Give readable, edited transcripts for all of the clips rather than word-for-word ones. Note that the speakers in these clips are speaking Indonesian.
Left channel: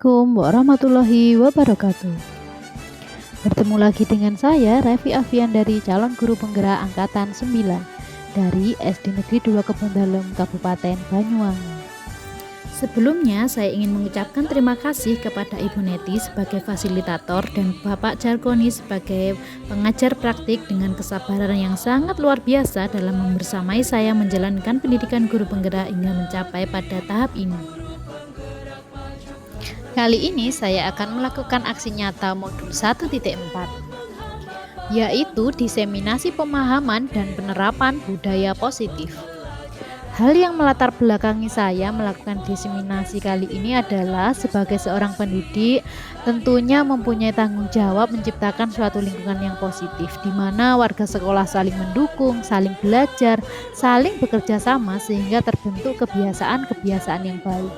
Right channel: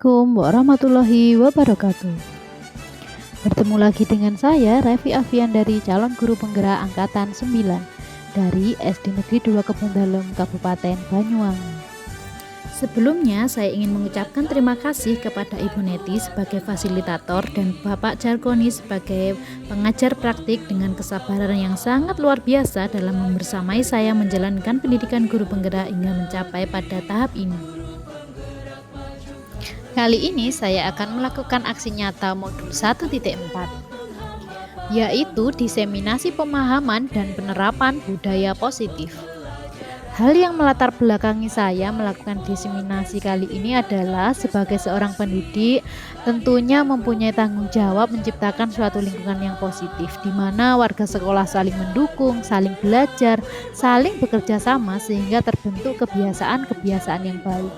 Assalamualaikum warahmatullahi wabarakatuh. Bertemu lagi dengan saya, Revi Afian dari calon guru penggerak angkatan 9 dari SD Negeri 2 Kebondalem, Kabupaten Banyuwangi. Sebelumnya, saya ingin mengucapkan terima kasih kepada Ibu Neti sebagai fasilitator dan Bapak Jarkoni sebagai pengajar praktik dengan kesabaran yang sangat luar biasa dalam membersamai saya menjalankan pendidikan guru penggerak hingga mencapai pada tahap ini. Kali ini saya akan melakukan aksi nyata modul 1.4, yaitu diseminasi pemahaman dan penerapan budaya positif. Hal yang melatar belakangi saya melakukan diseminasi kali ini adalah sebagai seorang pendidik tentunya mempunyai tanggung jawab menciptakan suatu lingkungan yang positif di mana warga sekolah saling mendukung, saling belajar, saling bekerja sama sehingga terbentuk kebiasaan-kebiasaan yang baik.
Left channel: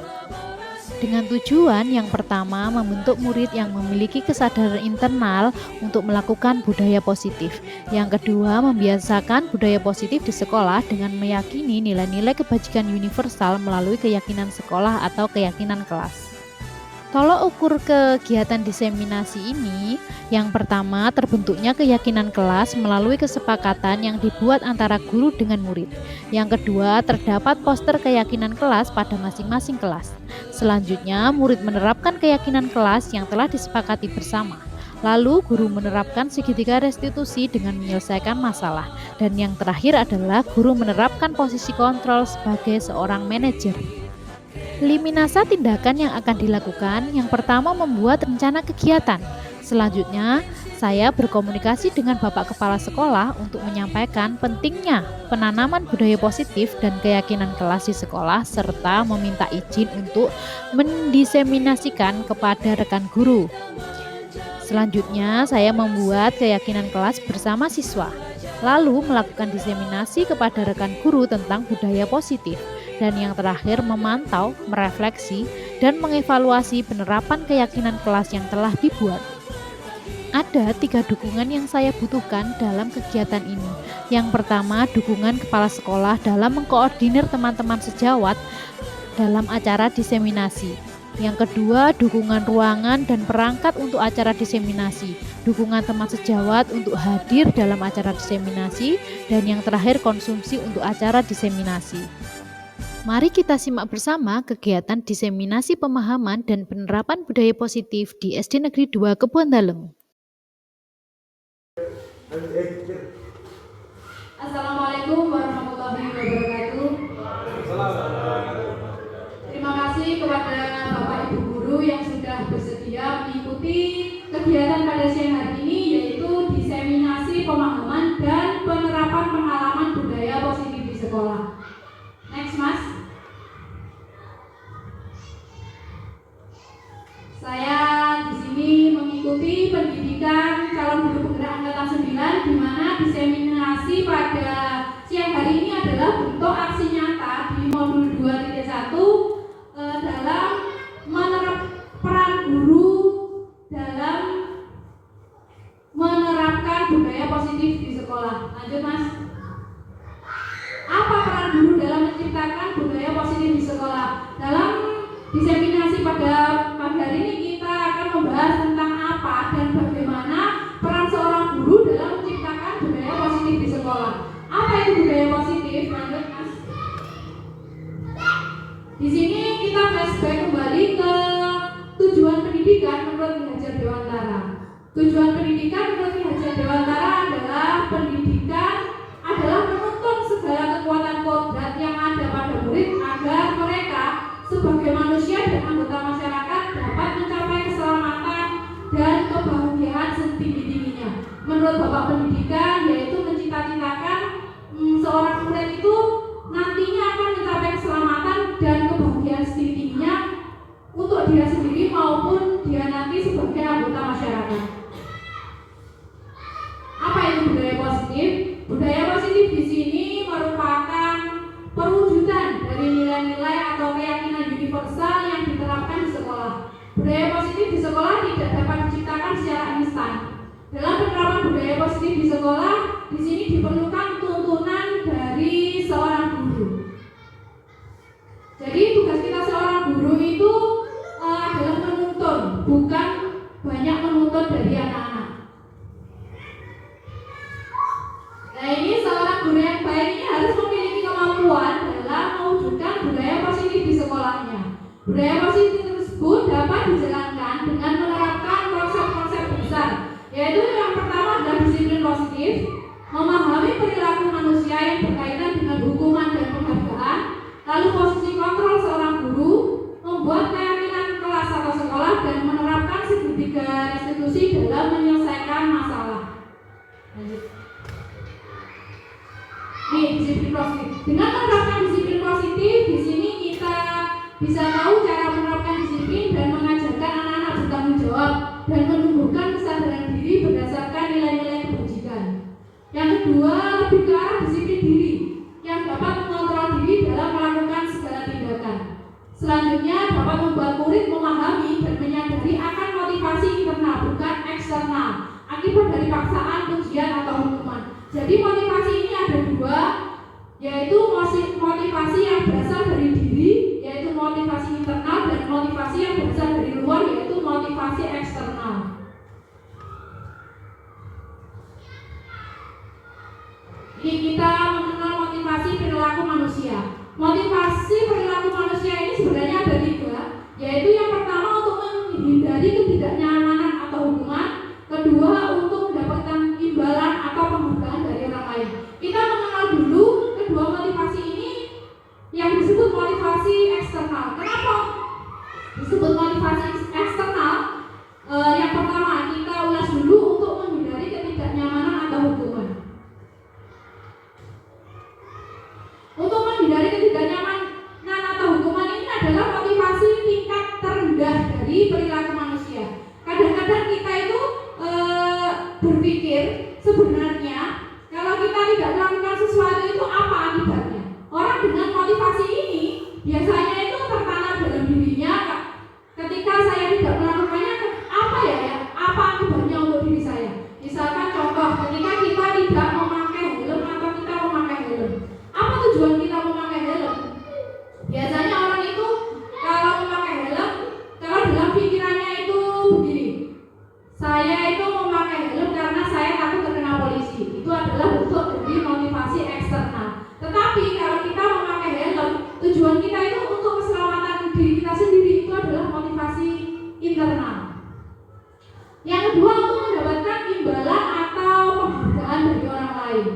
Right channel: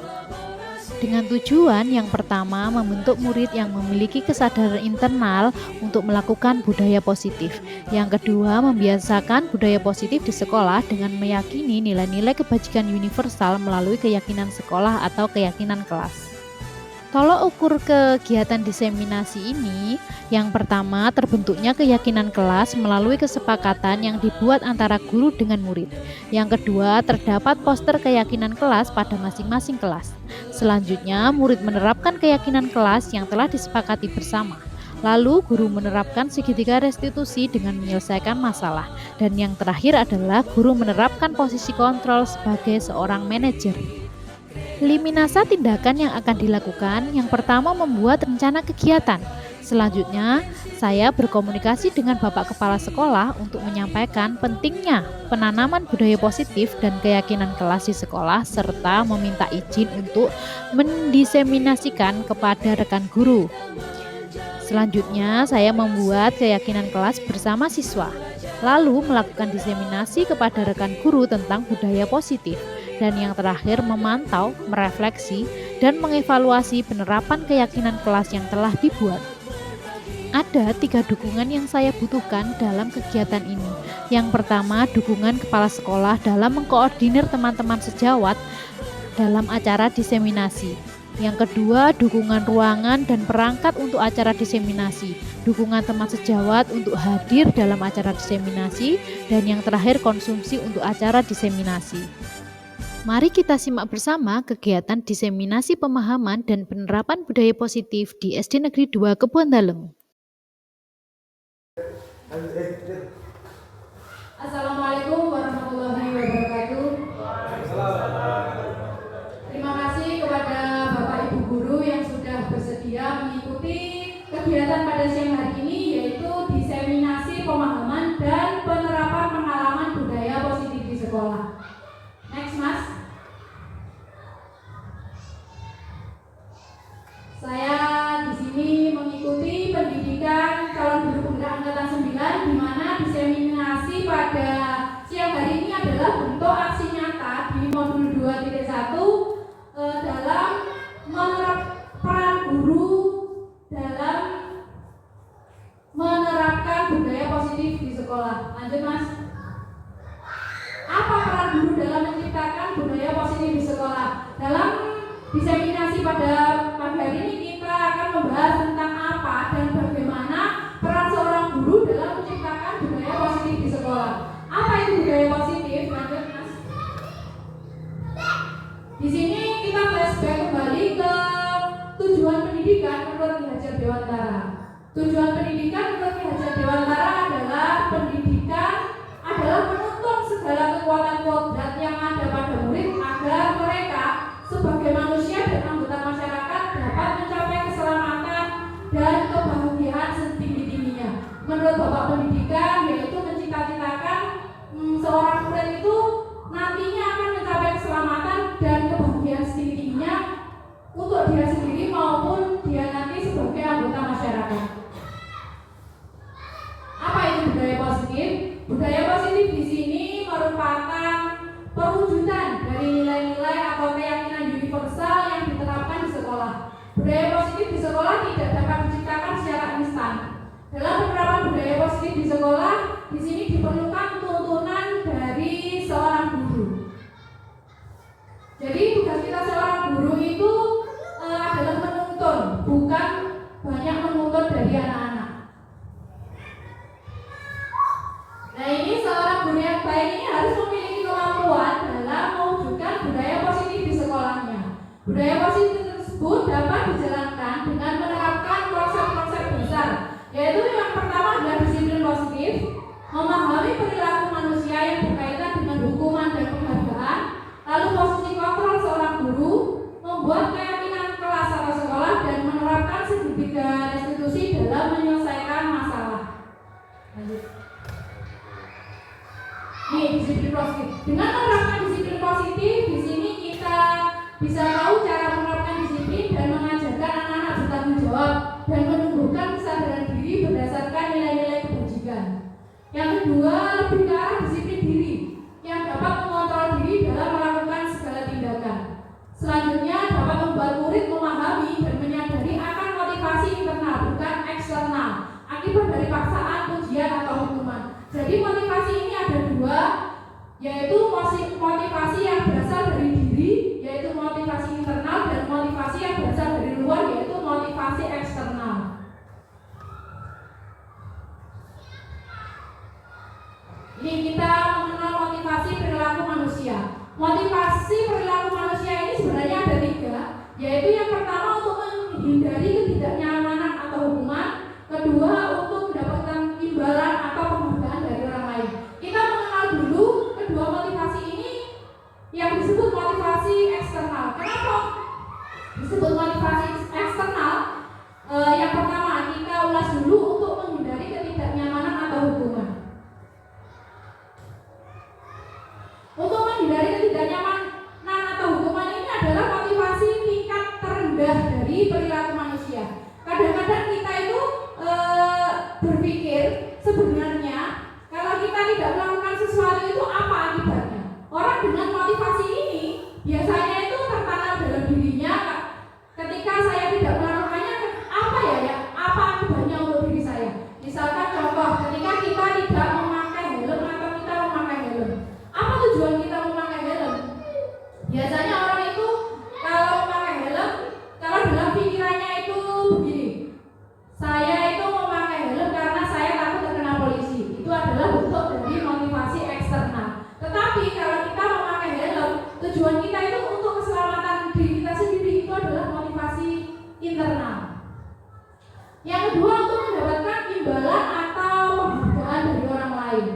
Dengan tujuan yang pertama membentuk murid yang memiliki kesadaran internal untuk melakukan budaya positif. Yang kedua membiasakan budaya positif di sekolah dengan meyakini nilai-nilai kebajikan universal melalui keyakinan sekolah atau keyakinan kelas. Tolok ukur kegiatan diseminasi ini, yang pertama terbentuknya keyakinan kelas melalui kesepakatan yang dibuat antara guru dengan murid. Yang kedua terdapat poster keyakinan kelas pada masing-masing kelas. Selanjutnya murid menerapkan keyakinan kelas yang telah disepakati bersama. Lalu guru menerapkan segitiga restitusi dengan menyelesaikan masalah. Dan yang terakhir adalah guru menerapkan posisi kontrol sebagai seorang manajer. Liminasa tindakan yang akan dilakukan, yang pertama membuat rencana kegiatan. Selanjutnya, saya berkomunikasi dengan Bapak Kepala Sekolah untuk menyampaikan pentingnya penanaman budaya positif dan keyakinan kelas di sekolah serta meminta izin untuk mendiseminasikan kepada rekan guru. Selanjutnya, saya membuat keyakinan kelas bersama siswa, lalu melakukan diseminasi kepada rekan guru tentang budaya positif. Dan yang terakhir memantau, merefleksi, dan mengevaluasi penerapan keyakinan kelas yang telah dibuat. Ada 3 dukungan yang saya butuhkan dalam kegiatan ini. Yang pertama, dukungan kepala sekolah dalam mengkoordinir teman-teman sejawat dalam acara diseminasi. Yang kedua, dukungan ruangan dan perangkat untuk acara diseminasi. Dukungan teman sejawat untuk hadir dalam acara diseminasi. Dan yang terakhir, konsumsi untuk acara diseminasi. Mari kita simak bersama kegiatan diseminasi pemahaman dan penerapan budaya positif di SD Negeri 2 Kebondalem. Assalamualaikum warahmatullahi wabarakatuh. Terima kasih kepada Bapak Ibu Guru yang sudah bersedia mengikuti kegiatan pada siang hari ini, yaitu diseminasi pemahaman dan penerapan pengalaman budaya positif di sekolah. Next, Mas. Saya di sini mengikuti pendidikan calon guru penggerak angkatan 9, di mana diseminasi pada siang hari ini adalah bentuk aksi nyata di modul 2.1 dalam menerapkan peran guru dalam menerapkan budaya positif di sekolah. Lanjut, Mas. Apa peran guru dalam menciptakan budaya positif di sekolah? Dalam diseminasi pada pagi hari ini kita akan membahas tentang apa dan bagaimana peran seorang guru dalam menciptakan budaya positif di sekolah. Apa itu budaya positif? Lanjut, Mas. Di sini kita flashback kembali ke tujuan pendidikan menurut Ki Hajar Dewantara. Tujuan pendidikan menurut Ki Hajar Dewantara adalah pendidikan adalah menuntun segala kekuatan kodrat yang ada pada murid agar mereka sebagai manusia dan anggota masyarakat dapat mencapai keselamatan dan kebahagiaan setinggi-tingginya. Menurut Bapak Pendidikan, yaitu mencita-citakan seorang murid itu nantinya akan mencapai keselamatan dan kebahagiaan setinggi-tingginya untuk dia sendiri maupun dia nanti sebagai anggota masyarakat. Apa itu budaya positif? Budaya positif di sini merupakan perwujudan dari nilai-nilai atau keyakinan universal yang diterapkan di sekolah. Budaya positif di sekolah tidak dapat diciptakan secara instan. Dalam penerapan budaya positif di sekolah, di sini diperlukan tuntunan dari seorang guru. Jadi tugas kita seorang guru itu adalah menuntun Nah, ini seorang guru yang baik ini harus memiliki kemampuan dalam mewujudkan budaya positif di sekolahnya. Budaya positif tersebut dapat dijalankan dengan menerapkan konsep-konsep besar, yaitu yang pertama adalah disiplin positif, memahami perilaku manusia yang berkaitan dengan hukuman dan penghargaan, lalu posisi kontrol seorang guru, membuat keyakinan kelas atau sekolah, dan menerapkan segitiga restitusi dalam menyelesaikan masalah. Lanjut. Nih, disiplin positif. Dengan menerapkan disiplin positif, di sini kita bisa tahu cara menerapkan disiplin dan mengajarkan anak-anak bertanggung jawab dan menumbuhkan kesadaran diri berdasarkan nilai-nilai kebajikan. Yang kedua, lebih ke arah disiplin diri yang dapat mengontrol diri dalam melakukan segala tindakan. Selanjutnya, dapat membuat murid memahami dan menyadari akan motivasi internal bukan eksternal akibat dari paksaan, ujian atau hukuman. Jadi motivasi ini ada dua, yaitu motivasi yang berasal dari diri, yaitu motivasi internal, dan motivasi yang berasal dari luar, yaitu motivasi eksternal. Ini kita mengenal motivasi perilaku manusia. Motivasi perilaku manusia ini sebenarnya ada tiga, yaitu yang pertama untuk menghindari ketidaknyamanan atau hukuman, kedua untuk mendapatkan imbalan atau penghargaan dari orang lain. Kita mengenal dulu kedua motivasi ini yang disebut motivasi eksternal. Kenapa disebut motivasi eksternal? Yang pertama kita ulas dulu untuk menghindari ketidaknyamanan atau hukuman. Untuk menghindari ketidaknyamanan atau hukuman ini adalah motivasi tingkat terendah dari perilaku manusia. Kadang-kadang kita itu berpikir sebenarnya kalau kita tidak melakukan sesuatu itu apa akibatnya. Orang dengan motivasi ini biasanya itu tertanam dalam dirinya. Ketika saya tidak melakukannya, apa apa akibatnya untuk diri saya. Misalkan contoh, ketika kita tidak memakai helm atau kita memakai helm, apa tujuan kita memakai helm? Biasanya orang itu kalau memakai helm, kalau dalam pikirannya itu begini, saya itu memakai helm karena saya takut terkena polisi. Itu adalah bentuk dari motivasi eksternal. Tetapi kalau kita memakai helm, tujuan kita itu untuk keselamatan diri kita sendiri, itu adalah motivasi internal. Yang kedua, untuk mendapatkan imbalan atau penghargaan dari orang lain.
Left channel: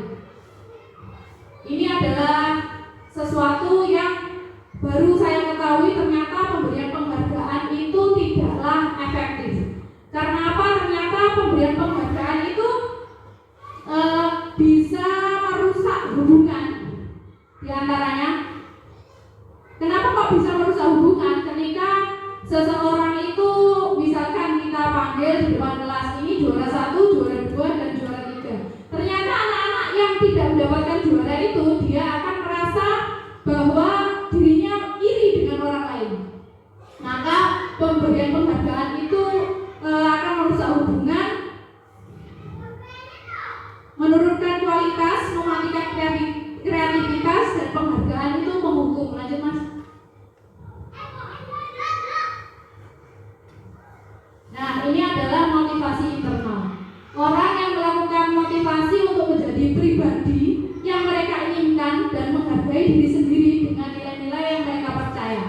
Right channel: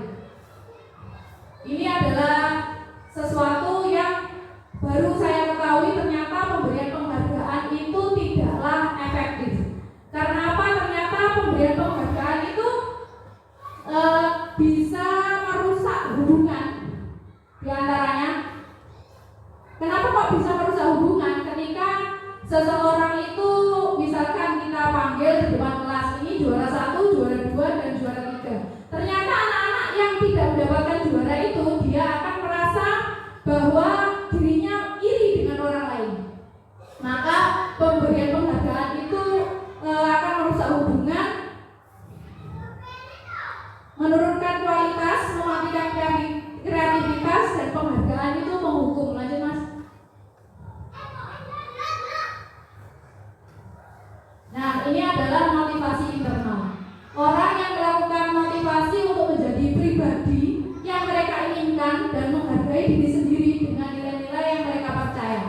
Ini adalah sesuatu yang baru saya ketahui, ternyata pemberian penghargaan itu tidaklah efektif. Karena apa? Ternyata pemberian penghargaan itu bisa merusak hubungan di antaranya. Kenapa kok bisa merusak hubungan? Ketika seseorang itu misalkan kita panggil di depan kelas, ini juara 1, juara 2, dan juara 3. Ternyata anak-anak yang tidak mendapatkan juara itu, dia akan merasa bahwa dirinya iri dengan orang lain. Maka pemberian penghargaan itu akan merusak hubungan, menurunkan kualitas, mematikan kreativitas, dan penghargaan itu menghukum. Lanjut Mas. Nah, ini adalah motivasi internal. Orang yang melakukan motivasi untuk menjadi pribadi yang mereka inginkan dan menghargai diri sendiri dengan nilai-nilai yang mereka percaya.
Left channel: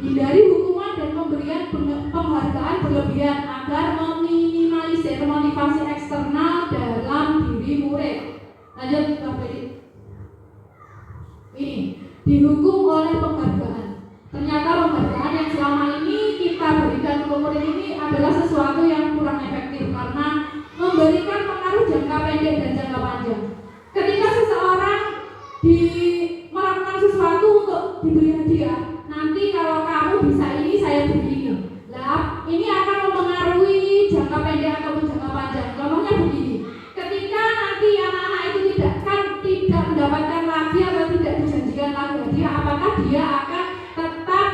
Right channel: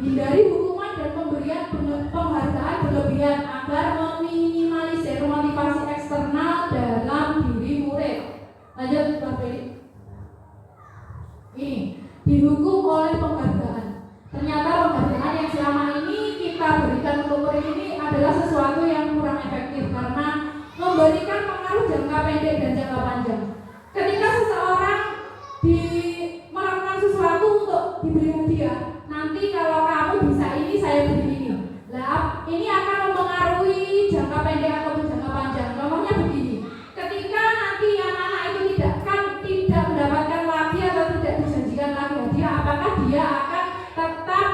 Hindari hukuman dan pemberian penghargaan berlebihan agar meminimalisir motivasi eksternal dalam diri murid. Lanjut, ini dihukum oleh penghargaan. Ternyata penghargaan yang selama ini kita berikan ke murid ini adalah sesuatu yang kurang efektif karena memberikan pengaruh jangka pendek dan jangka panjang. Ketika seseorang melakukan sesuatu untuk diberi hadiah, nanti kalau kamu bisa ini, saya beri ini. Lah, ini akan mempengaruhi jangka pendek ataupun jangka panjang. Contohnya begini, ketika nanti anak-anak itu tidak mendapatkan lagi atau tidak dijanjikan lagi hadiah, apakah dia akan tetap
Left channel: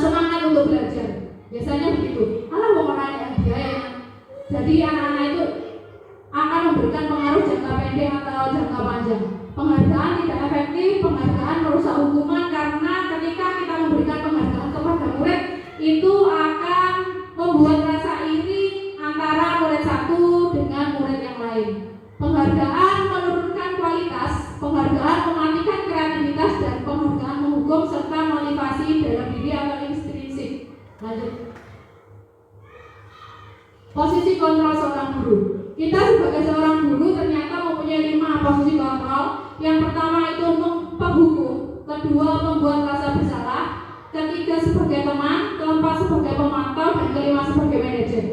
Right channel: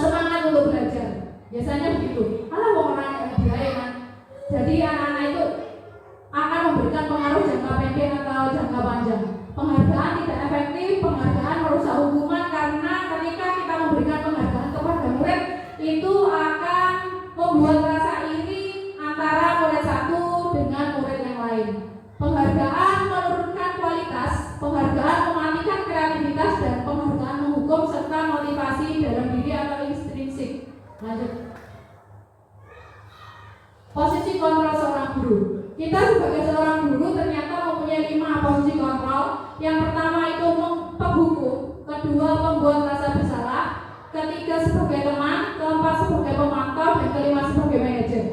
semangat untuk belajar? Biasanya begitu. Alah, wong ora ada hadiah ya. Jadi anak-anak itu akan memberikan pengaruh jangka pendek atau jangka panjang. Penghargaan tidak efektif, penghargaan merusak hubungan karena ketika kita memberikan penghargaan kepada murid itu akan membuat rasa iri antara murid satu dengan murid yang lain. Kita sebagai seorang guru ternyata mempunyai 5 posisi kontrol. Yang pertama itu penghukum, kedua pembuat rasa bersalah, ketiga sebagai teman, keempat sebagai pemantau, dan kelima sebagai manajer.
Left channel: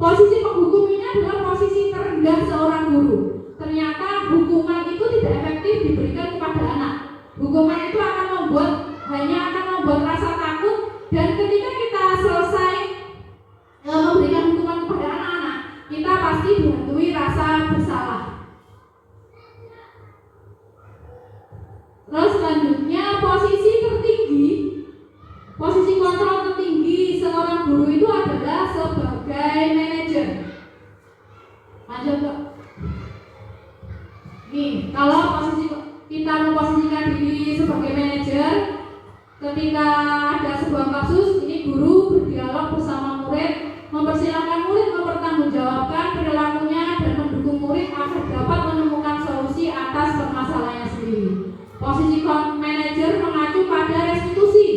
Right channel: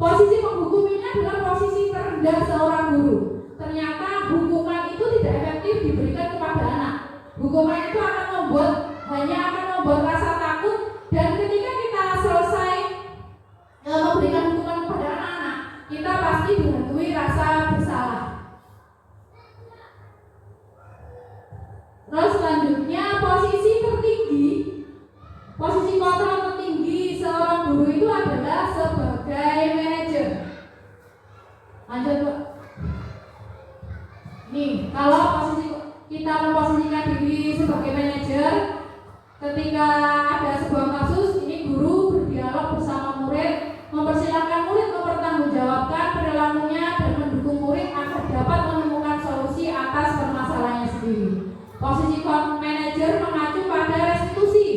Posisi penghukum ini adalah posisi terendah seorang guru. Ternyata hukuman itu tidak efektif diberikan kepada anak. Hukuman itu hanya akan membuat rasa takut, dan ketika kita selesai memberikan hukuman kepada anak-anak, kita pasti dihantui rasa bersalah. Terus selanjutnya posisi kontrol tertinggi seorang guru itu adalah sebagai manajer. Lanjut Pak. Nih, kalau kita memposisikan diri sebagai manajer, ketika ada sebuah kasus, ini guru berdialog bersama murid, mempersilahkan murid mempertanggungjawabkan perilakunya dan mendukung murid agar dapat menemukan solusi atas permasalahannya sendiri. Posisi manajer mengacu pada restitusi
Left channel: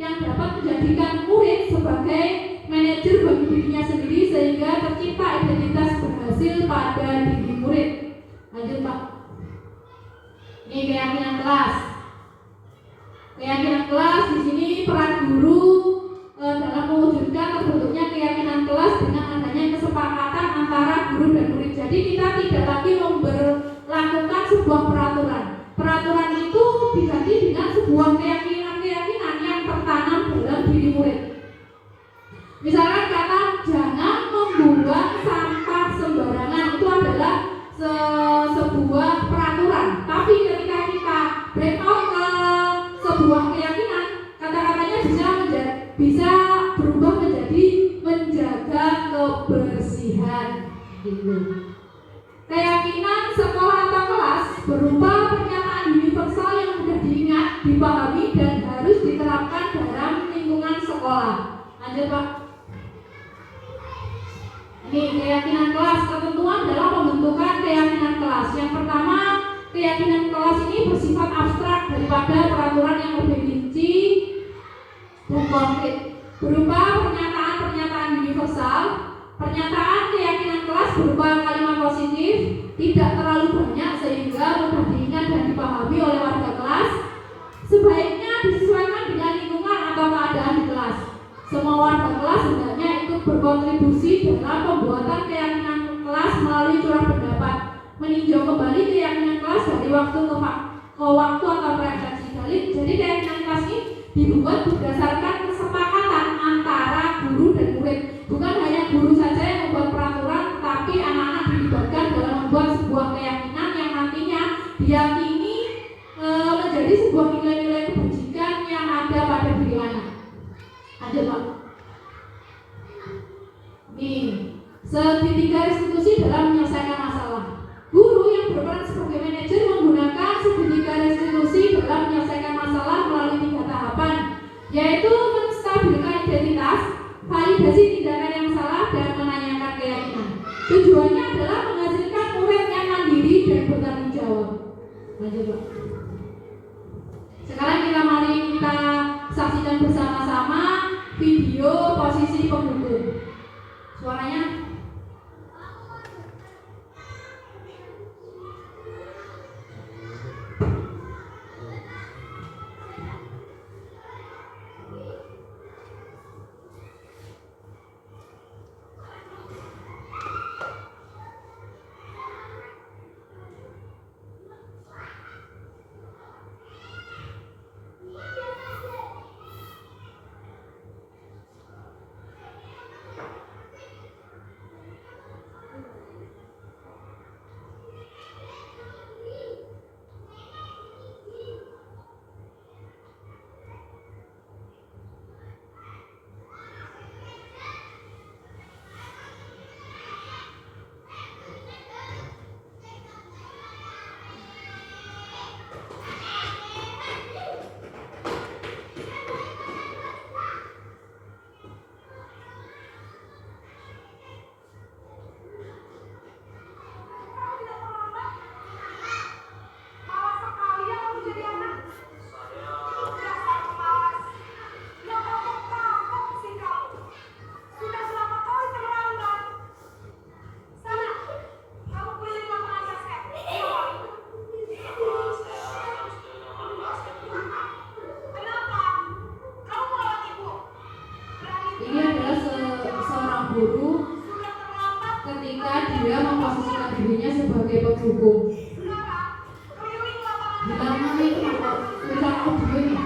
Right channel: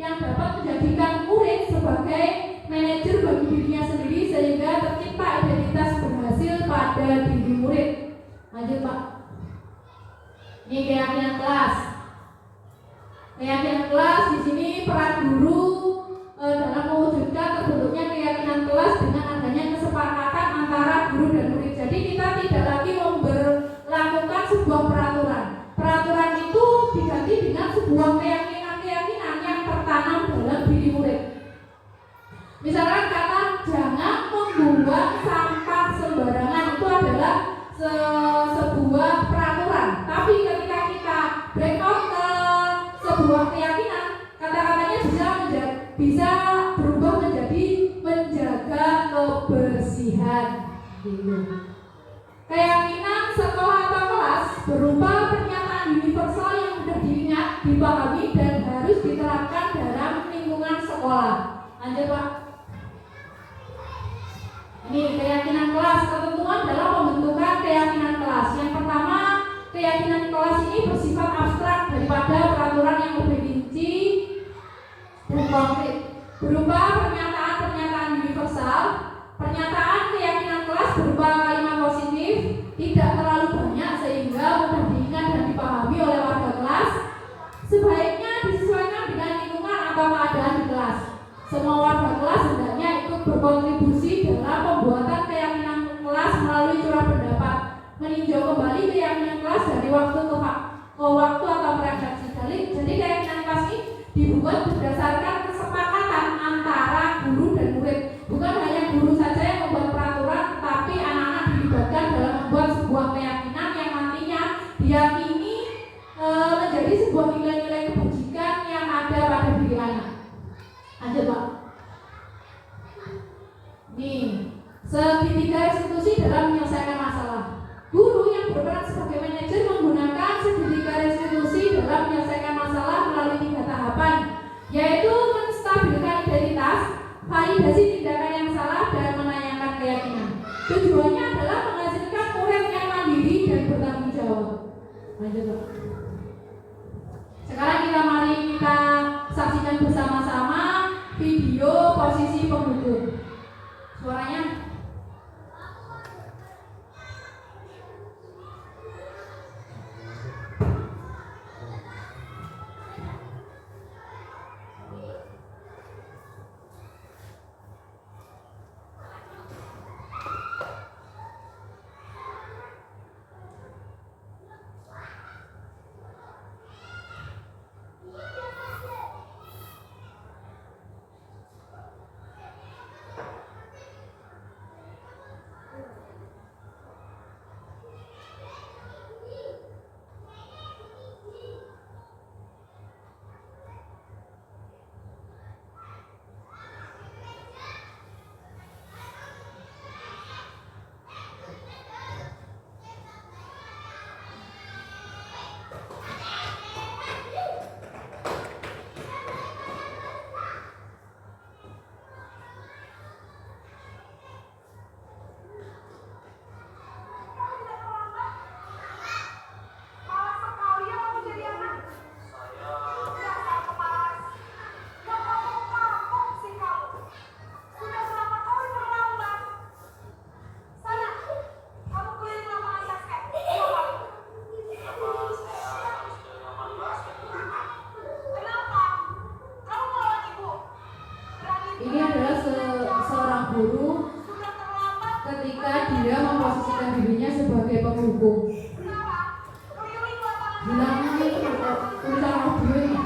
yang dapat menjadikan murid sebagai manajer bagi dirinya sendiri sehingga tercipta identitas berhasil pada diri murid. Lanjut Pak. Ini keyakinan kelas. Keyakinan kelas di sini peran guru dalam mewujudkan terbentuknya keyakinan kelas dengan adanya kesepakatan antara guru dan murid. Jadi kita tidak lagi memberlakukan sebuah peraturan. Peraturan itu diganti dengan sebuah keyakinan yang tertanam dalam diri murid. Misalkan kata jangan membuang sampah sembarangan, itu adalah sebuah peraturan. Tapi ketika kita break out ke sebuah keyakinan, kata-katanya bisa berubah menjadi menjaga kebersihan gitu. Keyakinan sekolah atau kelas berupa pernyataan universal yang mudah diingat, dipahami, dan harus diterapkan dalam lingkungan sekolah. Lanjut Pak. Ini keyakinan kelas. Ketentuan dalam pembentukan keyakinan kelas. Yang pertama, keyakinan kelas ini bersifat abstrak daripada peraturan yang lebih rinci dan konkret, berupa pernyataan-pernyataan universal. Pernyataan keyakinan kelas berupa kalimat positif, tidak terlalu banyak sehingga mudah diingat dan dipahami oleh warga kelas. Sebaiknya disesuaikan dengan lingkungan atau keadaan di kelas. Semua warga kelas hendaknya ikut berkontribusi dalam pembuatan keyakinan kelas melalui curah pendapat, meninjau kembali keyakinan kelas dari waktu ke waktu atau refleksi. Jadi keyakinan kelas ini dibuat berdasarkan kesepakatan antara guru dan murid. Bukan hanya guru saja yang membuat peraturan, tapi anak-anak dilibatkan dalam membuat sebuah keyakinan yang nantinya diyakini menjadi sebuah nilai-nilai kebajikan yang ada pada diri anak. Lanjut Pak. Nih, segitiga restitusi dalam menyelesaikan masalah. Guru yang berperan sebagai manajer menggunakan segitiga restitusi dalam menyelesaikan masalah melalui 3 tahapan, yaitu menstabilkan identitas, validasi tindakan yang salah, dan menanyakan keyakinan. Tujuannya adalah menghasilkan murid yang mandiri dan bertanggung jawab. Lanjut Pak. Sekarang mari kita saksikan bersama-sama video posisi penghukum. Suaranya. penghukum. Bilang ini kok tulisan audio ini.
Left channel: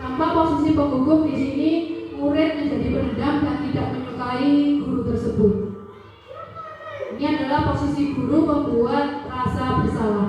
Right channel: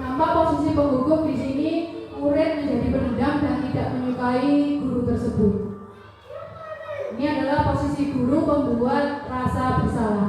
Tanpa posisi penghukum di sini, murid menjadi pendendam dan tidak menyukai guru tersebut. Ini adalah posisi guru pembuat rasa bersalah.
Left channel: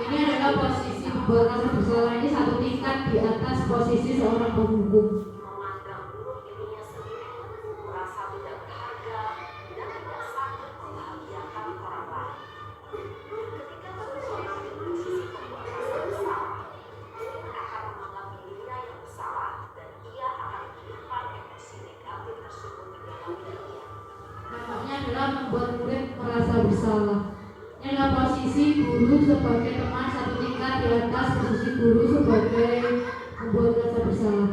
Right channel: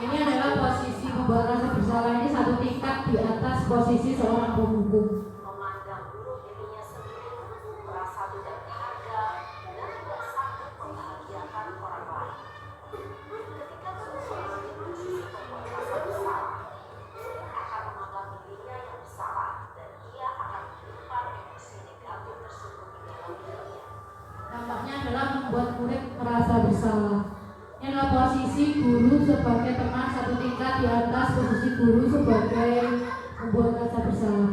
Ini adalah posisi membuat rasa bersalah ini satu tingkat di atas posisi seorang penghukum. Memandang buruk dirinya sendiri, merasa tidak berharga, dan tidak sanggup membahagiakan orang lain. Ketika seseorang di posisi membuat rasa bersalah, akan menganggap dirinya yang bersalah, dan ia akan menyimpan emosi negatif tersebut di dalam dirinya. Dampaknya adalah membuat murid merasa bersalah. Ini adalah posisi guru sebagai teman satu tingkat di atas posisi guru sebagai membuat rasa bersalah.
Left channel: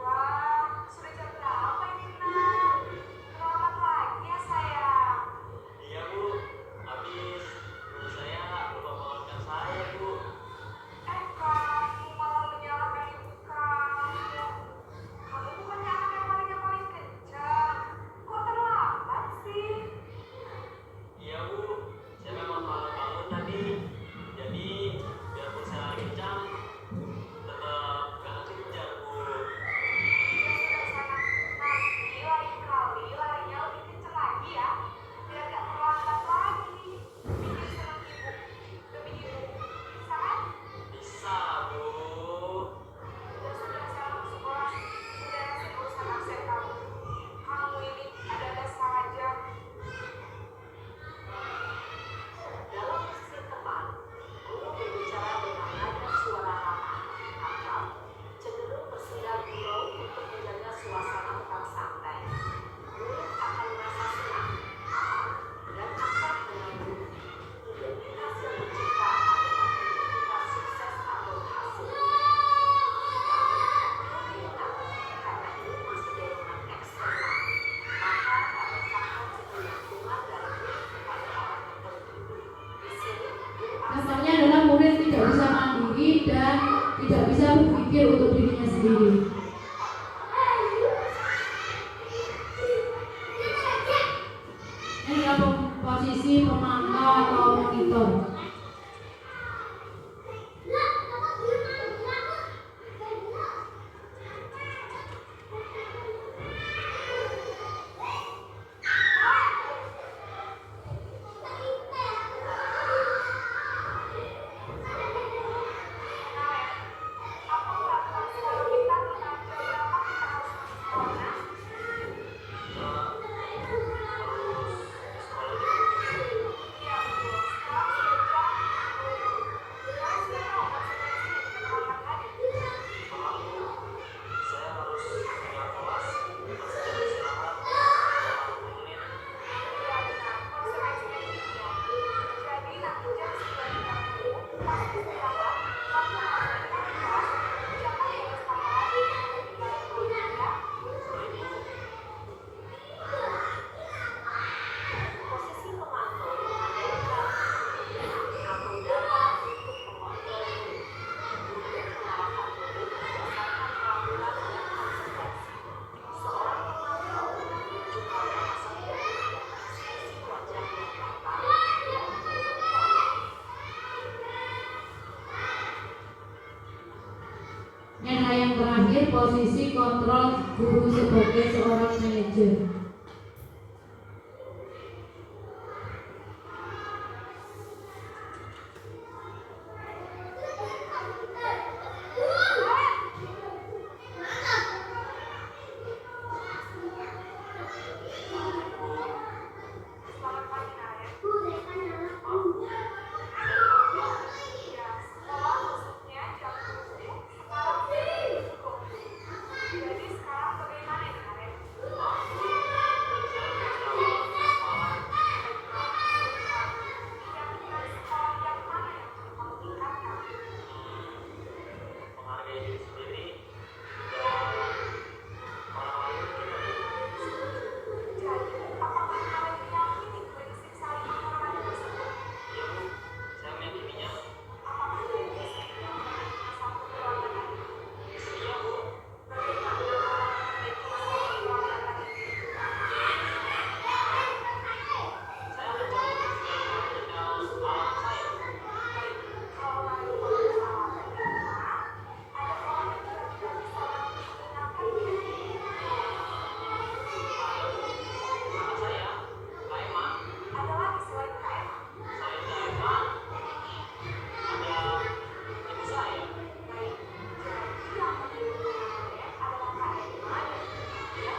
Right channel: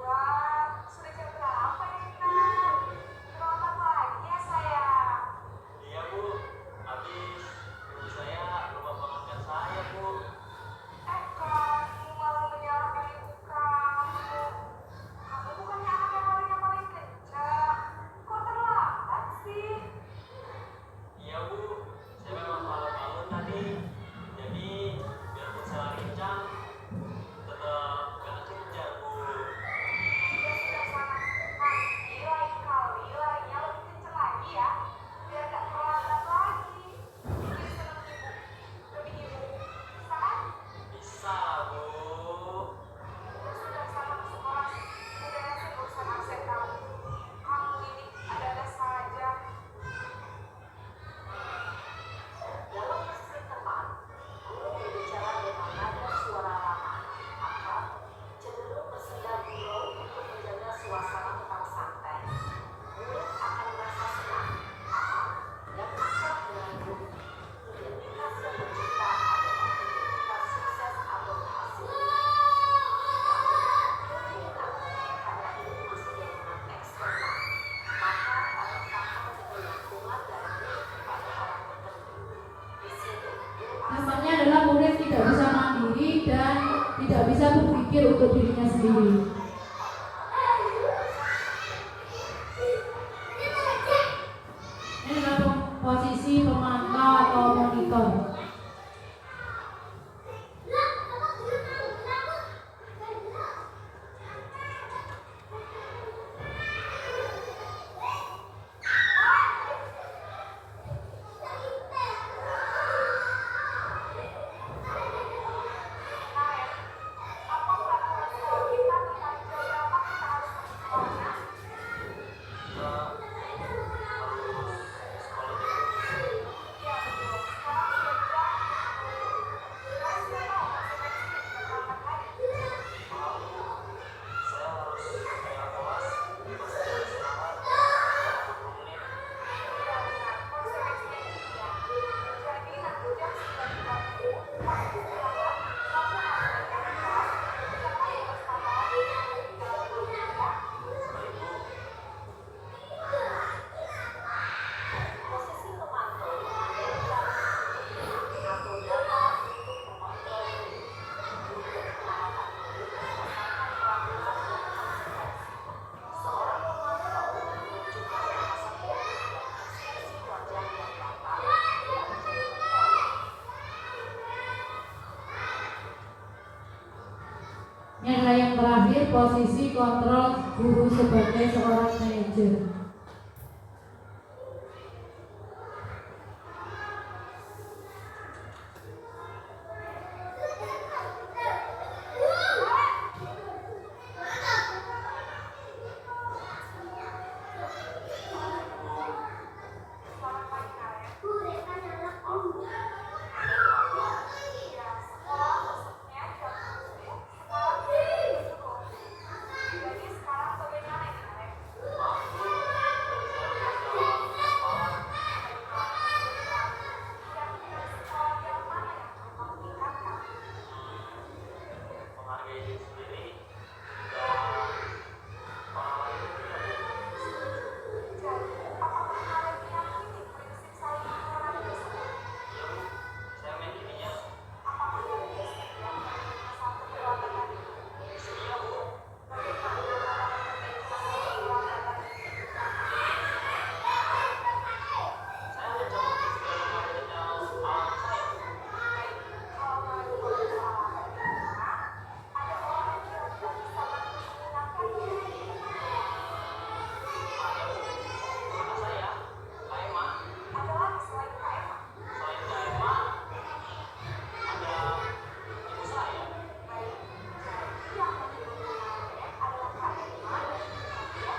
Wah, sudah jam berapa ini, Nak? Selamat pagi ya, sayang. Iya Bu, habis ibu saya lupa maafkan saya Bu. Kamu malah menyalahkan ibu kamu. Kamu bukannya anak yang paling kencang. Kok terlambat sih? Iya Bu, saya memang salah bangun tadi. Jadi biarpun saya lari kencang, tetap gak kejar Bu. Ya sudah sana. Nanti lain kali larinya lebih kencang lagi ya. Biar gak terlambat lagi. Bikin senang ibu. Demi ibu. Bisa kan? Bisa Bu. Ya sudah sana ke sekolah. Beresin urusan absen kamu. Kamu ini ada saja. Dalam mesin teman, guru berbicara dengan nada suara ramah, akrab, cenderung bersedia gurau untuk menjaga suasana tetap santai. Murid akan merasa senang, aman, dan akrab dengan guru. Identitas yang tercipta adalah identitas sukses atau berhasil. Namun, perlu diingat, karena ini masih golongan eksternal, maka ada faktor ketergantungan dari murid kepada orang tertentu. Di sini, guru Nampaknya adalah murid tidak bisa mandiri dan tidak bisa berpikir untuk dirinya sendiri. Ini adalah posisi pemantau atau monitor. posisi kontrol guru sebagai seorang manajer. Menghargai diri sendiri dan orang lain juga, Bu. Jadi, apakah kalian meyakini prinsip saling menghormati tersebut? Iya, Bu. Saya meyakininya. Apakah kalian bersedia menerima satu perlambatan itu? Sedia, Bu. Bagaimana cara memperbaiki masalah perlambatan ini? Saya akan coba untuk segala macam alam saya, Bu. Baik, kalau kalian berusaha dan di rumah, ada orang yang kira-kira bisa bantu mengingatkannya. Ada, Bu. Kakak saya, Kak Emma. Ada lagi selain Kak Emma? Selain Kak Emma, ada ibu saya. Baik, jadi yang menjadi kemarin adalah Kak Emma dan Ibu ya.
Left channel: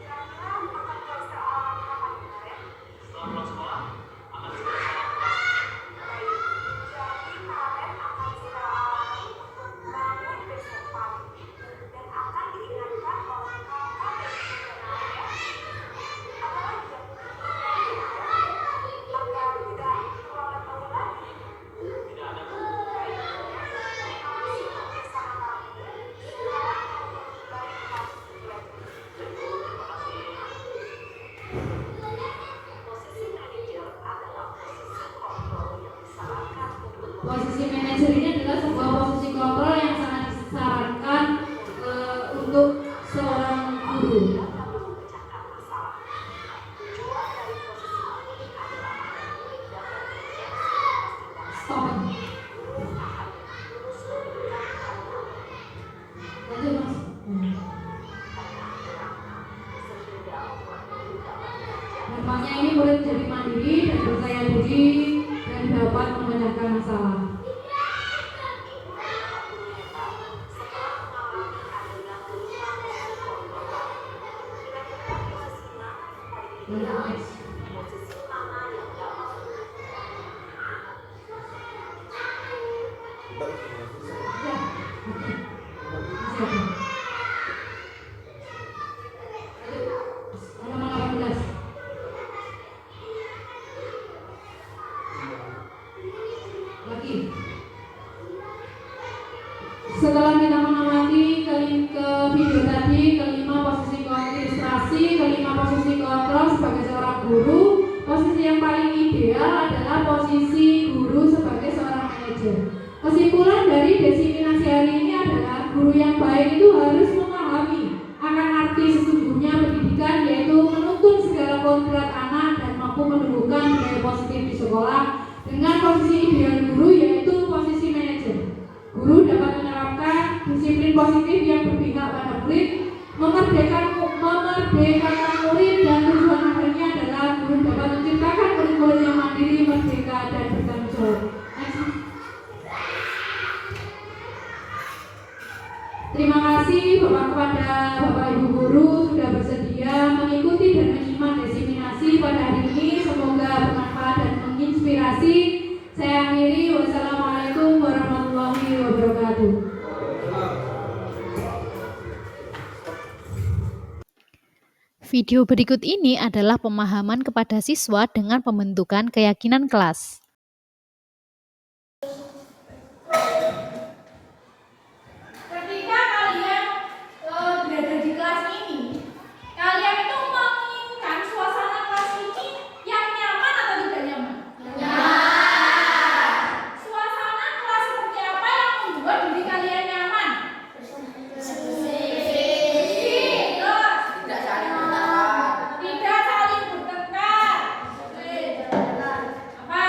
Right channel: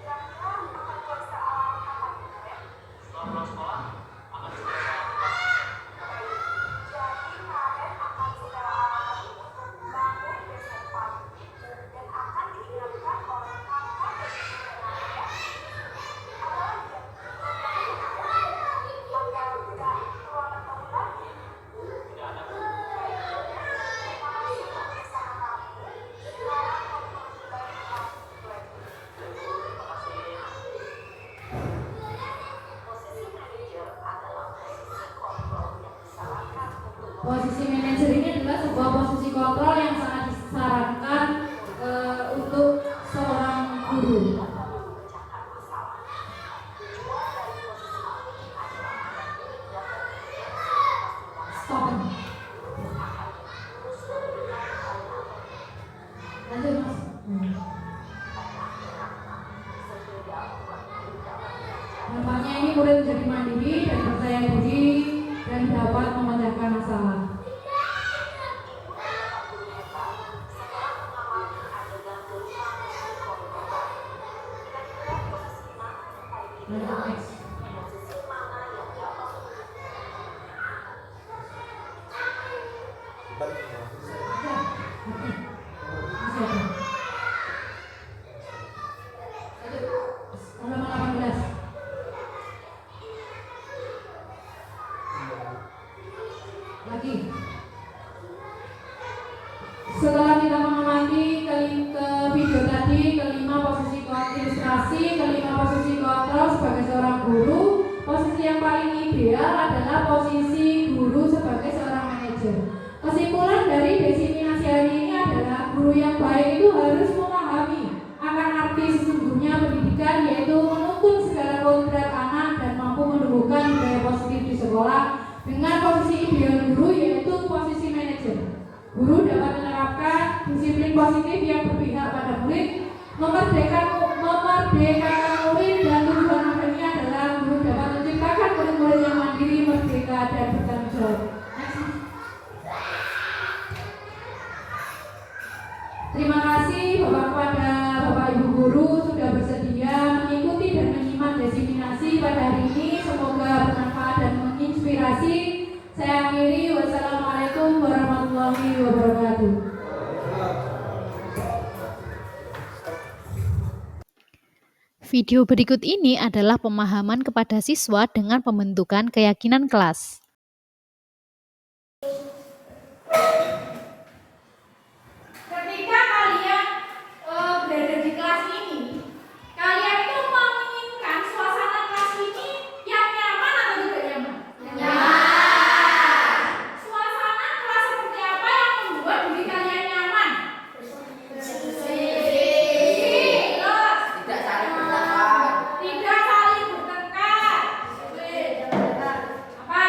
Kira-kira akan mulai sekolah kapan kemarin? Setelah pulang sekolah, akan segera saya lakukan. Baik, jadi kalian akan secara alami untuk bangun besok pagi dan akan diingatkan oleh kakak dan ibu kalian. Ada lagi yang agar tidak terlambat bangun lagi. Tidak ada, Bu. Baik, ya. Terima kasih untuk kesamaan kami. Sekarang kami kembali ke kelas belajar. Terima kasih. Posisi manajer adalah posisi kontrol yang disarankan untuk Posisi manajer ini adalah sebuah posisi kontrol yang sangat disarankan untuk seorang guru. dapat memecahkan masalah. Tujuan dari posisi ini adalah agar murid dapat mendeteksi atas tindakan Stop. guru akan terus memberikan kalian Lanjut, Mas. sehingga membuat murid dapat belajar. Harapannya ini murid jadi mandiri dan percaya diri dan dapat memecahkan masalah. Ibu dan bapak guru hebat setelah mengalami adegan kelima posisi kontrol baru. Kira-kira posisi mana yang paling ideal? Posisi mana yang dapat Ya. Masih ada. Halaman 18. Lagi. Setelah kita mengamati ke video tadi, kelima posisi ilustrasi, kelima posisi kontrol sebagai seorang guru, posisi yang paling ideal adalah posisi guru sebagai seorang manajer. Kesimpulan dari desiminasi hari ini adalah guru yang baik itu harus memahami akan arti sesungguhnya pendidikan, yaitu menuntun segala kodrat anak dan mampu menumbuhkan budaya positif di sekolah dengan posisi ideal guru yaitu posisi manajer. Guru dapat menerapkan disiplin positif yang berpihak pada murid, memerdekakan murid, dan tujuan akhirnya adalah guru dapat menciptakan murid-murid yang mandiri, merdeka, dan bertanggung jawab. Terima kasih kepada Bapak Ibu Guru sudah bersedia mengikuti dan menyimak desiminasi pada hari ini. Semoga bermanfaat dan menginspirasi. Saya akhiri. Wassalamualaikum warahmatullahi wabarakatuh. Video berikut ini adalah pemahaman kepada siswa dengan pembentukan keyakinan kelas. Ketika kalian berada di kelas ini, kalian itu menginginkan suasana kelas ini yang nyaman atau tidak nyaman? Suasana kelas seperti apa yang membuat diri kalian nyaman? Tidak saling bertengkar. Apa?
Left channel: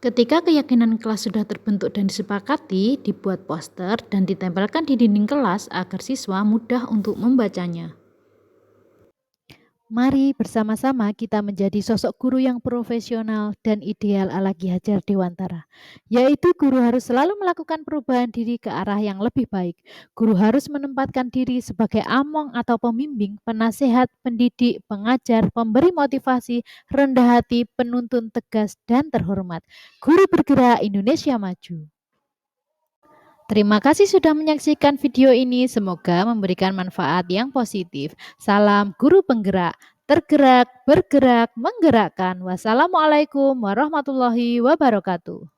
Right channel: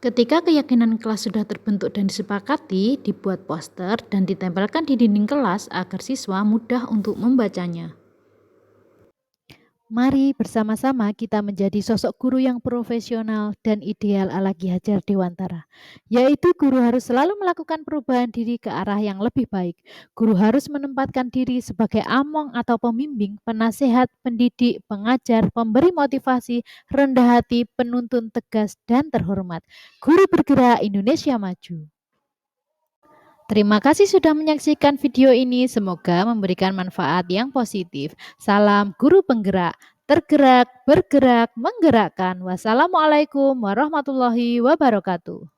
Ketika keyakinan kelas sudah terbentuk dan disepakati, dibuat poster dan ditempelkan di dinding kelas agar siswa mudah untuk membacanya. Mari bersama-sama kita menjadi sosok guru yang profesional dan ideal ala Ki Hajar Dewantara, yaitu guru harus selalu melakukan perubahan diri ke arah yang lebih baik. Guru harus menempatkan diri sebagai among atau pembimbing, penasehat, pendidik, pengajar, pemberi motivasi, rendah hati, penuntun tegas, dan terhormat. Guru bergerak Indonesia maju. Terima kasih sudah menyaksikan video ini. Semoga memberikan manfaat yang positif. Salam guru penggerak, tergerak, bergerak, menggerakkan. Wassalamualaikum warahmatullahi wabarakatuh.